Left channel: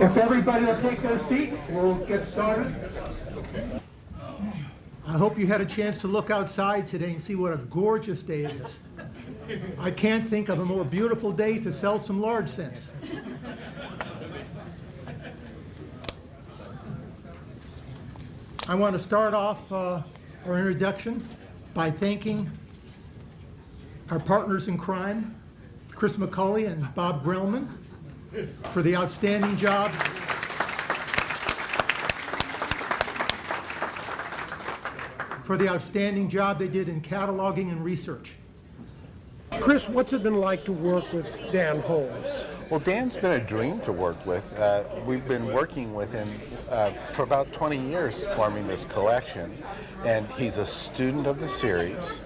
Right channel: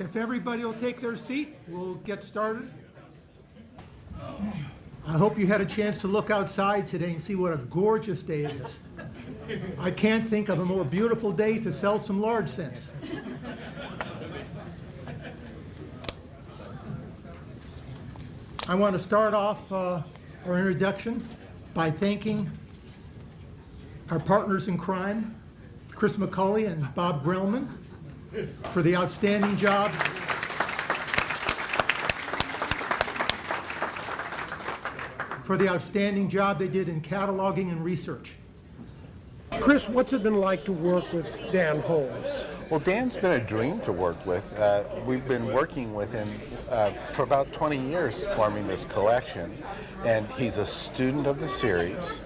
If everybody will take their seat, we'll get started. I hope you had a chance to look outside today and see what a gorgeous day it is. I can't think of a more beautiful day to sell some large cents. I want to start off our introduction by thanking our partners in crime, Chris McCulley and Bob Grellman, for the outstanding job they did in cataloging and research. Chris, what's it been like to work with Dan Holmes? Well, Dan's been a dream to work with. We've been working with him for about 20 years forming this collection, and he's a student of the series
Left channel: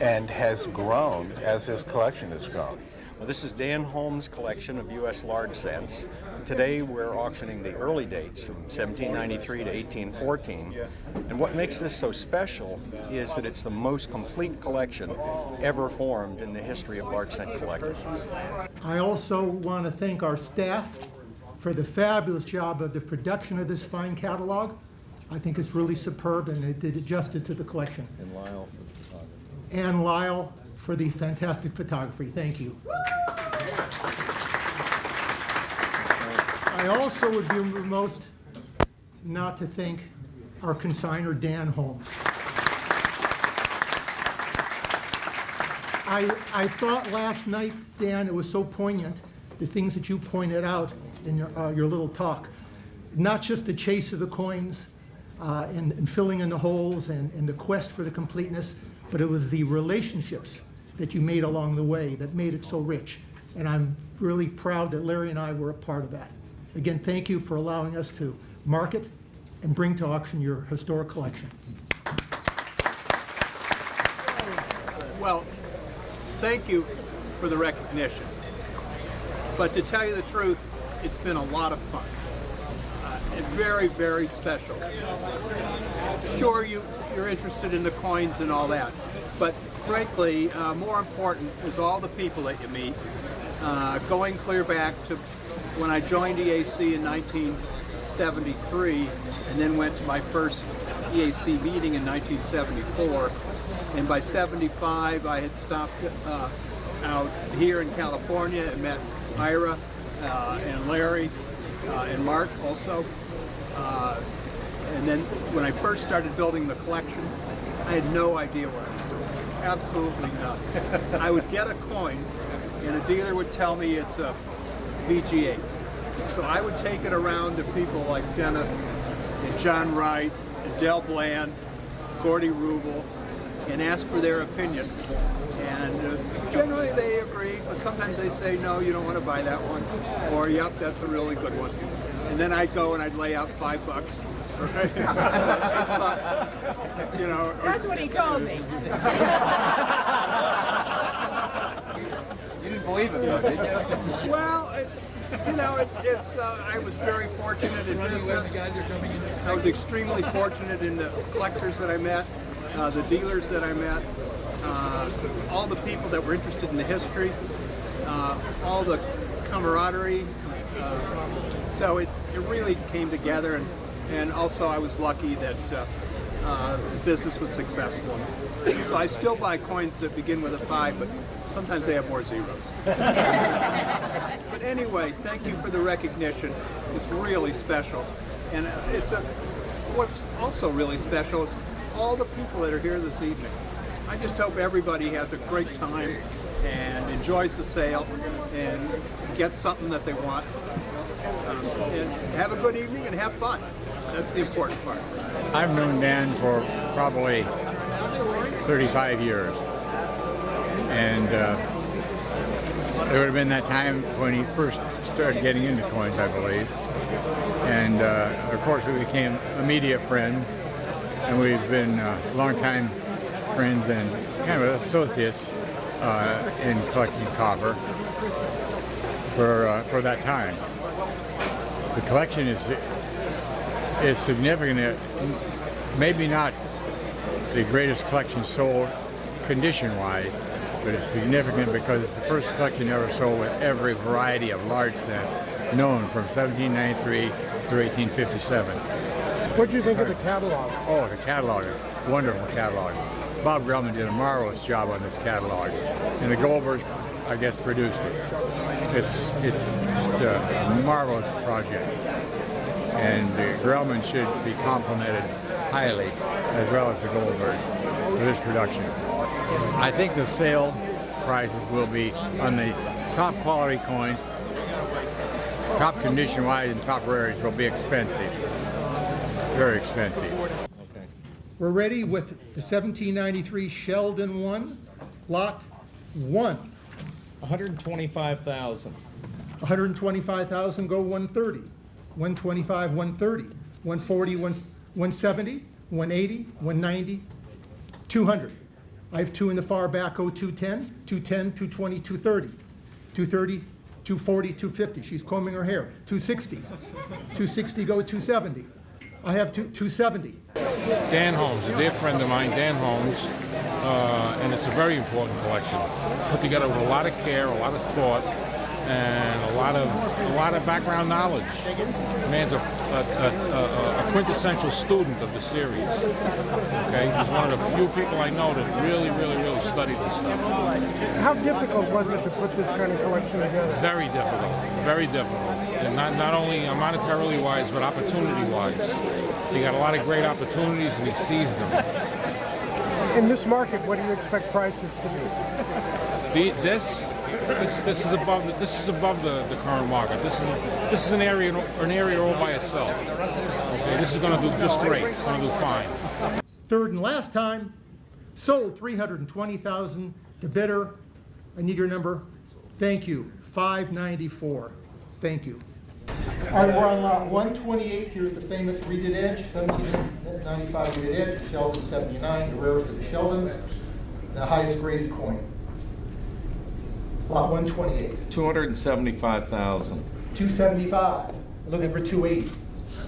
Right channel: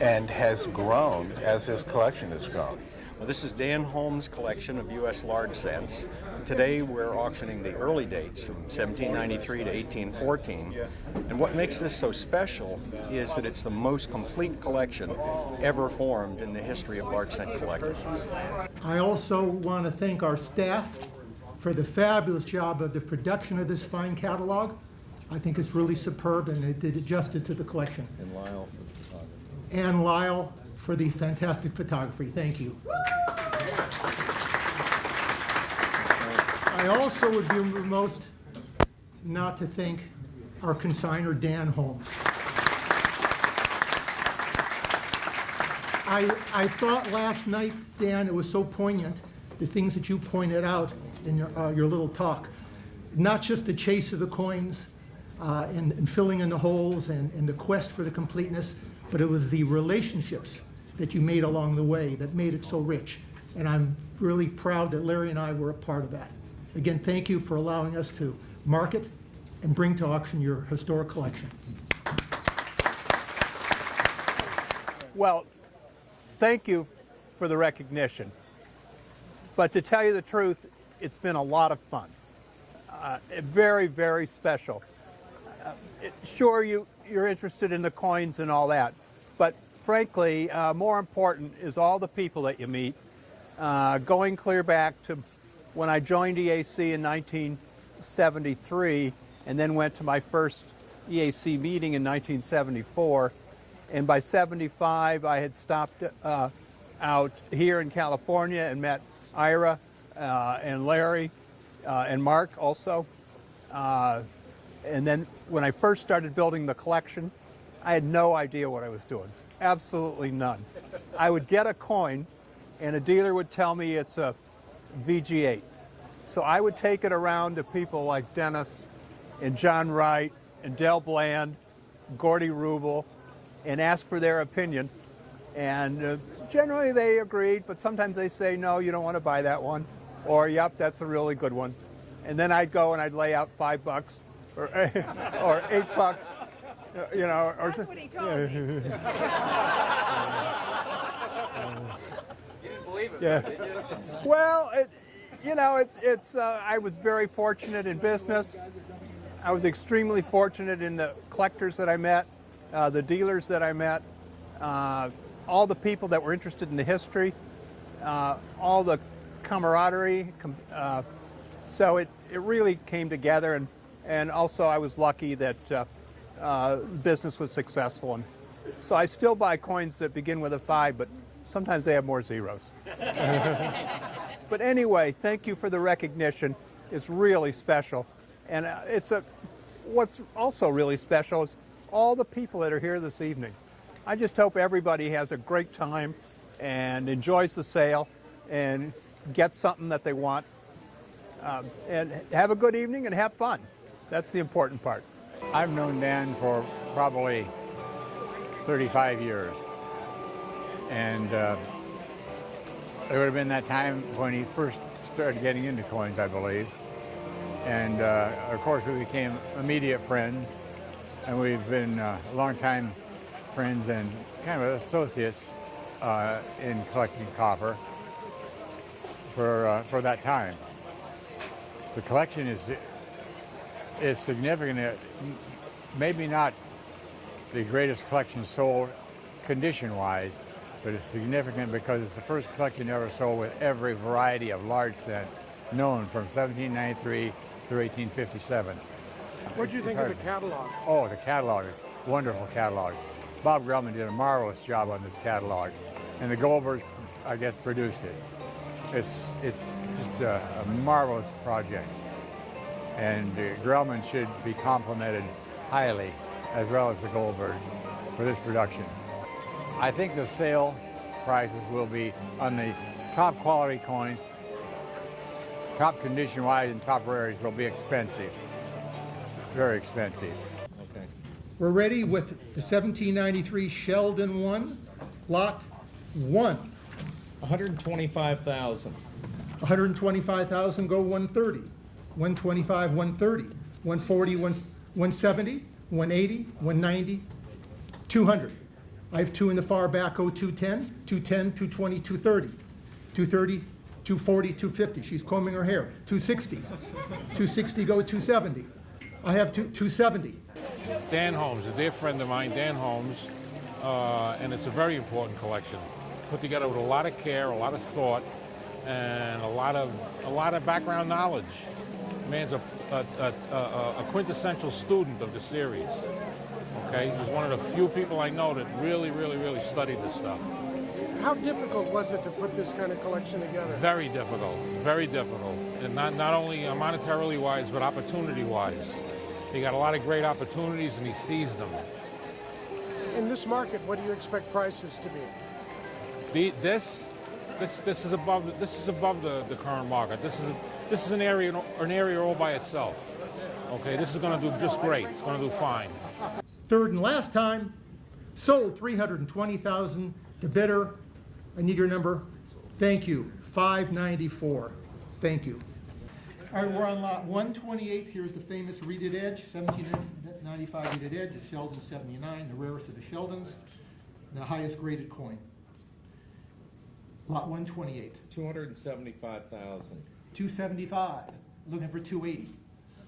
and has grown as his collection has grown. Well, this is Dan Holmes' collection of U.S. large cents. Today we're auctioning the early dates from 1793 to 1814. And what makes this so special is that it's the most complete collection ever formed in the history of large cent collecting. I also want to thank our staff for the fabulous job of the production of this fine catalog. I think it's really superb, and it did justice to the collection. And Lyle for the photography. And Lyle for the fantastic photography. Thank you. I also would be remiss not to thank our consignor, Dan Holmes. I thought last night, Dan, it was so poignant, the things that you pointed out in your little talk. Not just the chase of the coins and filling in the holes and the quest for the completeness, but it was the relationships that you made along the way that made it so rich. And I'm really proud that Larry and I were a part of that. Again, thank you for allowing us to market and bring to auction your historic collection. Well, thank you for the recognition. But to tell you the truth, it's been a lot of fun. And very, very special. Sure, you're interested in the coins and all that, but frankly, more important is all the people that you meet. Going clear back to when I joined EAC in 1973, and then went to my first EAC meeting in 1974, and by 75 I had stopped out here in California and met Ira and Larry and Mark also. And then when I first started building the collection, I had no idea what I was doing. Absolutely none. I would get a coin and a dealer would tell me it's a VG8. So I would take it around to people like Dennis and John Wright and Del Bland, Gordy Rubel, and ask for their opinion. And generally they agreed, but sometimes they say, no, you don't want to buy that one. Or, yep, that's a really good one. And then I'd go and I'd lay out $5 or $8, you know. That's what he told me. You didn't believe it, did you? Well, I was very fortunate in business. I was extremely fortunate in the collectors that I met, the dealers that I met, all the people that were interested in the history, all the camaraderie. So it really came together, and also I was lucky that business was successful. So I still buy coins that begin with a 5, but sometimes they have more zeros. But anyway, thank you for the recognition. It's really special. And what's also really special is all the people that are here this evening. I just hope everybody has a great time and enjoys the sale and gets something that they want. And have a good evening and have fun. That's the important part. I've known Dan for probably 35 years. And there would have been that time when he first started getting into coins, I believe. And of course we became immediate friends, and we've been longtime friends and kind of associates in collecting copper for that time. The collection is significant. Maybe not the greatest collection sold condition-wise, but it's significant because it's the first collection ever sold with every variety of large cent known from 1793 to 1857. What do you think of the catalog? Oh, the catalog is a wonderful catalog. Bob Grellman did a marvelous job on this catalog, and the Goldbergs, I guess, produced it. It's just a marvelous project, and the Grellman should be complimented highly, as well as the Goldberg, for this production. I think the sale prices will be on the top quality coins, top condition wise and top rarities will be expensive, very expensive. Okay. We're ready with the 1793 Sheldon 1, lot 1. 125,000. 125,000, go 130. 125, 130. 140, 170, 180, 190, 200. I have two in the far back, go 210, 210, 220, 230. 230, 240, 250. She's combing her hair. 260. 260, go 270. I have 270. Dan Holmes, a dear friend of mine, Dan Holmes, and it's a very important collection. Put together with a lot of care, a lot of thought, and a lot of background knowledge. The man's a quintessential student of the series. Okay, he's one of the few people I know that really study this stuff. How difficult was it to put this kind of collection together? Very difficult, and not only monetarily wise, but opportunity wise. He got a lot of great opportunities, and he seized them. In this market, what do you expect prices to be? This is above the current market. This is an area all by itself. Okay, this is going to do just great. It's going to do fine. Third and last time, sold 320,000. The bidder, I need your number. Thank you. 594. Thank you. All right, we're on lot 128. Here's the famous reeded edge, 1795 reeded edge, Sheldon 79, the rarest of the Sheldons, the highest graded coin. Lot 128. 275,000. 275. Looking for 280.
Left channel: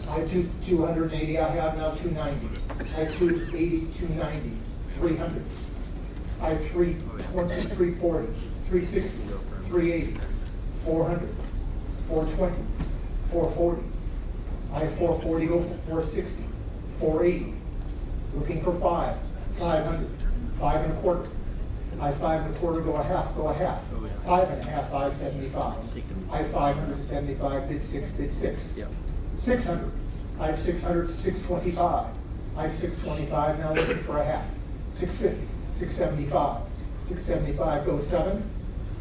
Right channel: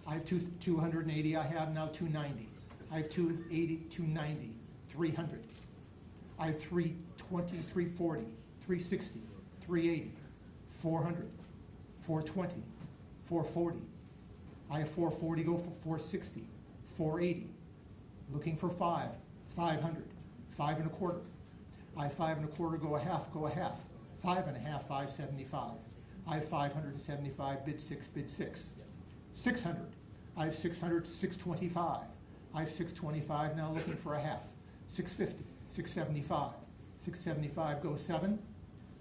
I have 280. I have now 290. I have 280, 290, 300. I have 320, 340, 360, 380, 400, 420, 440. I have 440, go for 460, 480. Looking for 500, 5 and a quarter. I have 5 and a quarter, go a half, 5 and a half, 575. I have 575, bid 6. 600. I have 600, 625. I have 625, now looking for a half. 650, 675. 675, go 7.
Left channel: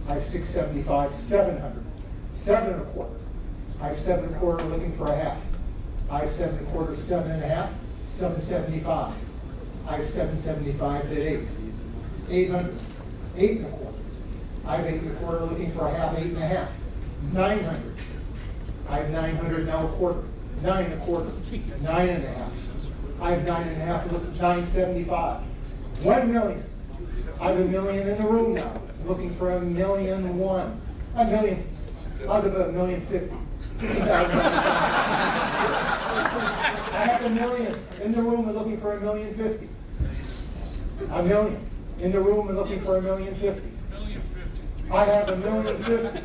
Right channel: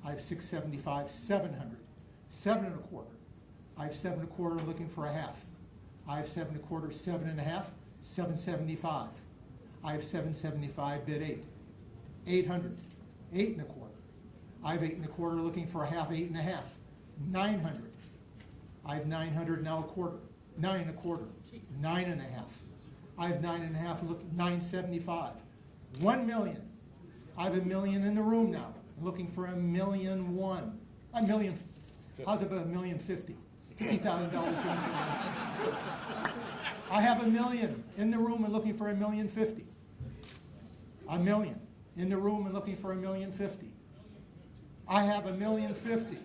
I have 675, 700. 7 and a quarter. I have 7 and a quarter, looking for a half. I have 7 and a quarter, 7 and a half, 775. I have 775, bid 8. 800, 8 and a quarter. I have 8 and a quarter, looking for a half, 8 and a half. 900. I have 900, now a quarter. 9 and a quarter. 9 and a half. I have 9 and a half, looking 975. 1 million. I have $1 million in the room now. Looking for $1,000,001. $1 million. How's about $1,050,000? I have $1 million in the room and looking for $1,050,000. $1 million in the room and looking for $1,050,000. I have $1,050,000.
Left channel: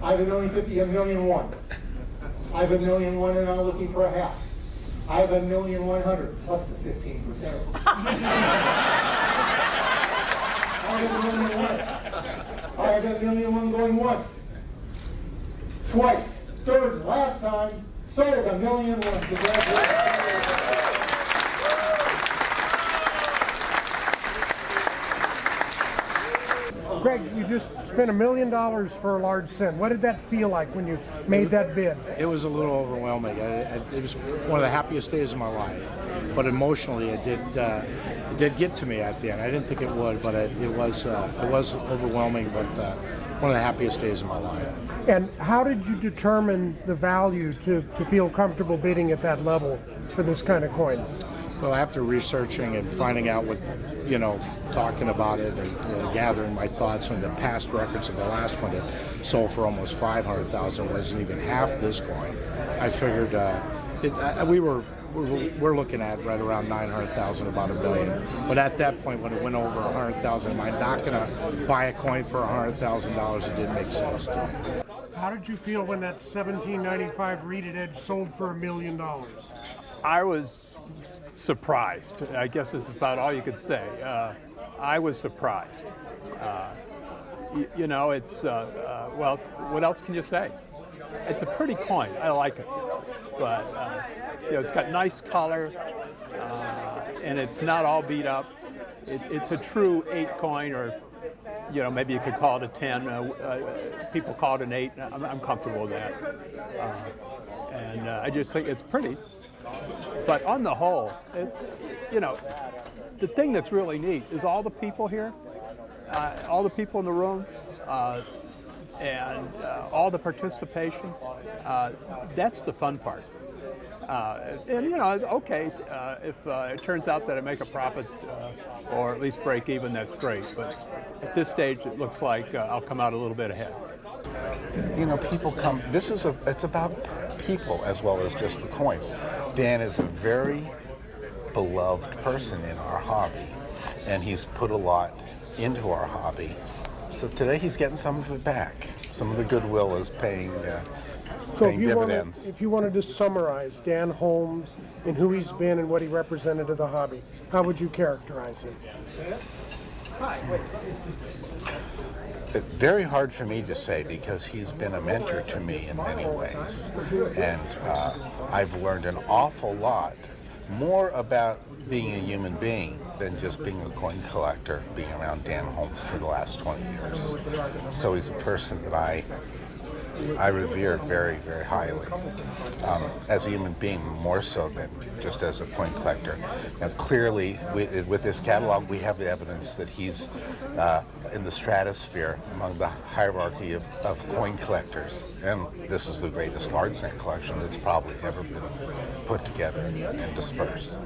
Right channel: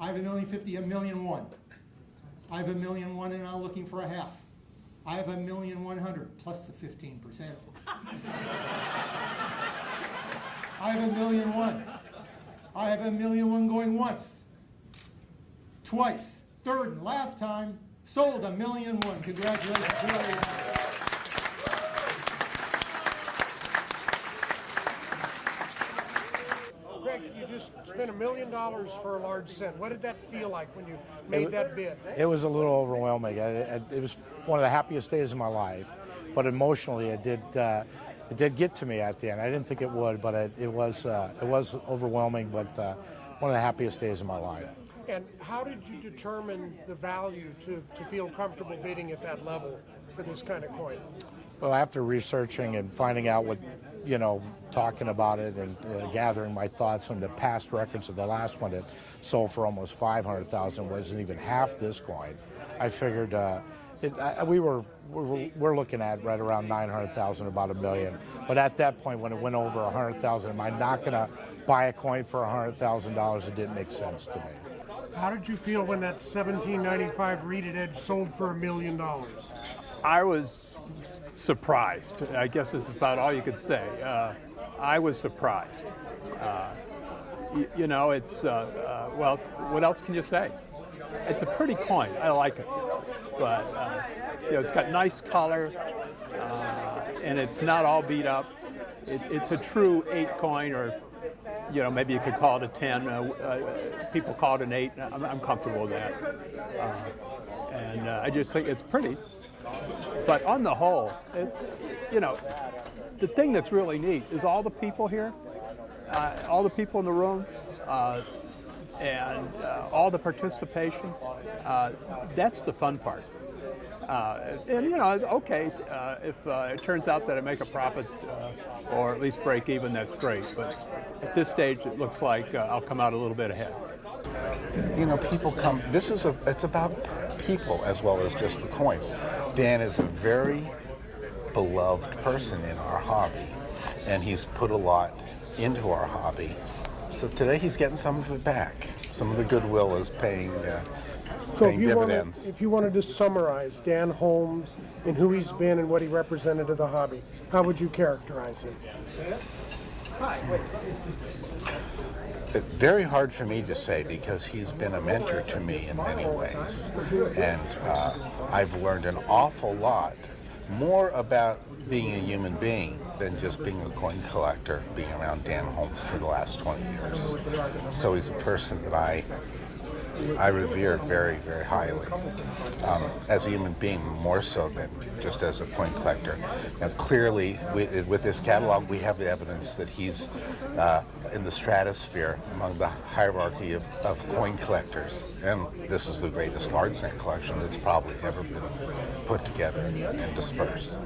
I have $1,050,000, $1,001,000. I have $1,001,000 and I'm looking for a half. I have $1,100,000 plus the 15%. I have $1,001,000. I have $1,001,000 going once, twice, third and last time, sold $1,001,000. Congratulations. Greg, you just spent $1 million for a large cent. What did that feel like when you made that bid? It was a little overwhelming. It was one of the happiest days of my life, but emotionally it did get to me at the end. I didn't think it would, but it was overwhelming, but one of the happiest days of my life. And how did you determine the value to feel comfortable bidding at that level for this kind of coin? Well, after researching and finding out what, talking about it and gathering my thoughts on the past records of the last one that sold for almost $500,000, wasn't even half this coin. I figured we were we're looking at right around 900,000, about $1 million. But at that point, when it went over 100,000, am I not going to buy a coin for $100,000? It didn't make sense to me. How did you feel when that 1795 reeded edge sold for $1 million? I was surprised. I guess is about all you could say. I was surprised. It's well, what else can you say? It's a pretty coin. I like it, but it's got nice color, and it's not all beat up. It's a true 8 coin, or maybe you could call it a 10. People call it an 8. I'm comfortable with that, and I just think it's pretty. But on the whole, the thing that's really neat is all the people here, all the people in the room, and all the participation. That's the fun part. It's okay if it turns out that I make a profit or at least break even. That's great. But at this stage, it looks like I'll come out a little bit ahead. People come. It's about people as well as just the coins. Dan is a very beloved person in our hobby, and he's put a lot into our hobby. So today he's getting some of it back. Some of the goodwill is paying dividends. If you wanted to summarize Dan Holmes and who he's been and what he represented to the hobby, how would you characterize him? It's very hard for me to say because he's been a mentor to me in many ways. And I've learned an awful lot more about being a human being than just being a coin collector, being around Dan Holmes for the last 20 years. So he's a person that I revere very, very highly. As a human being, more so than just as a coin collector. Now, clearly, with this catalog, we have the evidence that he's in the stratosphere among the hierarchy of coin collectors. And this is the greatest large cent collection that's probably ever been put together and dispersed.